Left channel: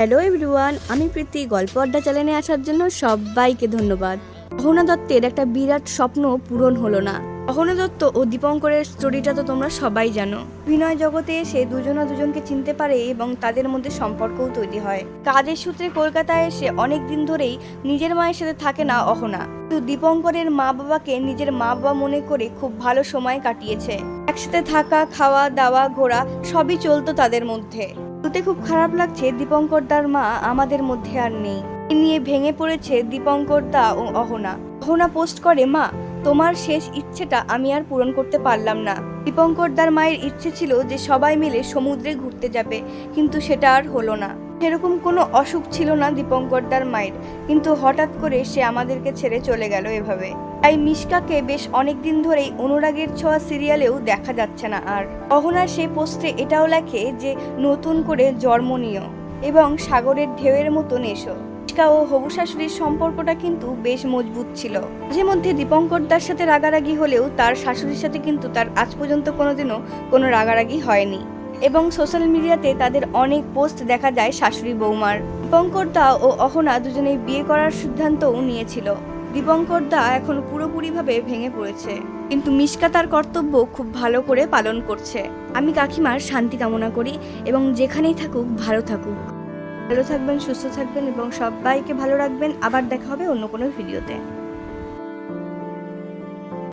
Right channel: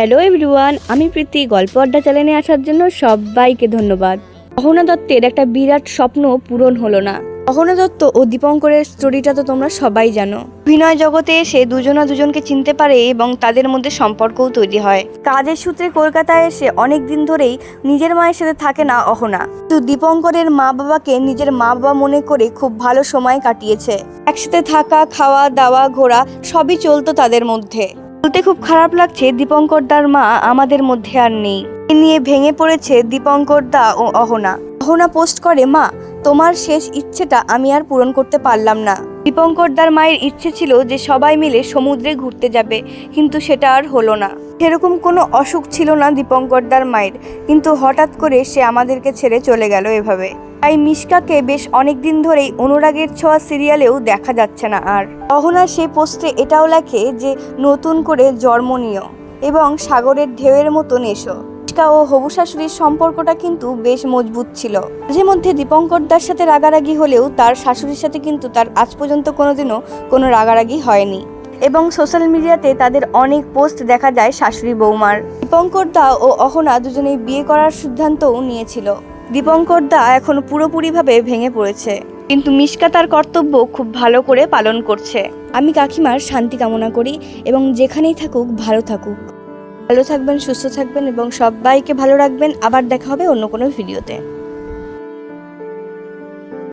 Hello everyone, আমি প্রীতি। গল্প আড্ডা চ্যানেলে আসার জন্য সবাইকে ধন্যবাদ। অহনা দত্তের একটা বিরাট স্বপ্ন পূরণ হলো না। অহনা দত্ত ও দীপঙ্করের স্টোরিটা তো তোমরা সবাই জানো। অভিনয় জগতে এসে দুজনকে চিনতে পারে এবং তাদের মধ্যে সম্পর্কও তৈরি হয়। কাজের সূত্রে কলকাতায় এসে অনেক দিন ধরেই নিজের মায়ের সাথে থাকে না অহনা, কিন্তু দীপঙ্করের মা বাবাকে নিজের মা বাবা মনে করে খুব ভালো সময় কাটিয়েছে। একসাথে থাকা, খাওয়া দাওয়া, ঘোরা সবই চলতো তাদের মধ্যে। বলতে খুব খারাপ লাগছে, দীপঙ্কর দার মা আমাদের মধ্যে আর নেই। এ নিয়ে ভেঙে পড়েছে দীপঙ্কর দা ও অহনা। অহনা পোস্ট করে, মা তোমার শেষ ইচ্ছেটা আমি আর পূরণ করতে পারলাম না। দীপঙ্কর দার মায়ের ইচ্ছে ছিল যে সবাই মিলে সমুদ্রে ঘুরতে যাবে, কিন্তু সেটা আর হলো না। সেরকম কোনো অসুখ ছিল না দীপঙ্কর দার মায়ের, কিন্তু হঠাৎ করে সে আমাদেরকে ছেড়ে চলে গেল এভাবে। তাই মিশকাকে বেশ অনেকদিন ধরেই অনুরাগের ছোঁয়া সিরিয়ালেও দেখা যাচ্ছে না আর। অহনা সেই পোস্টে এটাও লেখে যে নতুন করে জন্ম নিও এবং সাগরের ঢেউয়ের মতন এসো। মিশকা ও হবু শাশুড়ির সম্পর্কটা কিন্তু বেশ মজবুত ছিল। মাঝে মধ্যে দীপঙ্কর দার সাথে রাগারাগি হলেও তার শাশুড়ির সাথে কিন্তু তার আজ পর্যন্ত কোনোদিনও কোনো রাগারাগি হয়নি। এবং সোশ্যাল মিডিয়াতে তাদের অনেক পোস্ট দেখা যায় শাশুড়ি বৌমার। দীপঙ্কর দা ও অহনা দুজনেই বিয়ে করার সিদ্ধান্তও নিয়েছিল। দীপঙ্কর দা এখন পুরোপুরিভাবে ভেঙে পড়েছে, কিন্তু মিশকা তার কর্তব্য খুব ভালো করে পালন করছে। আমি কাকিমার শান্তি কামনা করি এবং যেখানেই থাকুক ভালো থাকুক। ভালো থাকবেন, সুস্থ থাকবেন এবং সবাইকে ভালো রাখবেন। আবার দেখা হবে অন্য কোনো ভিডিওতে।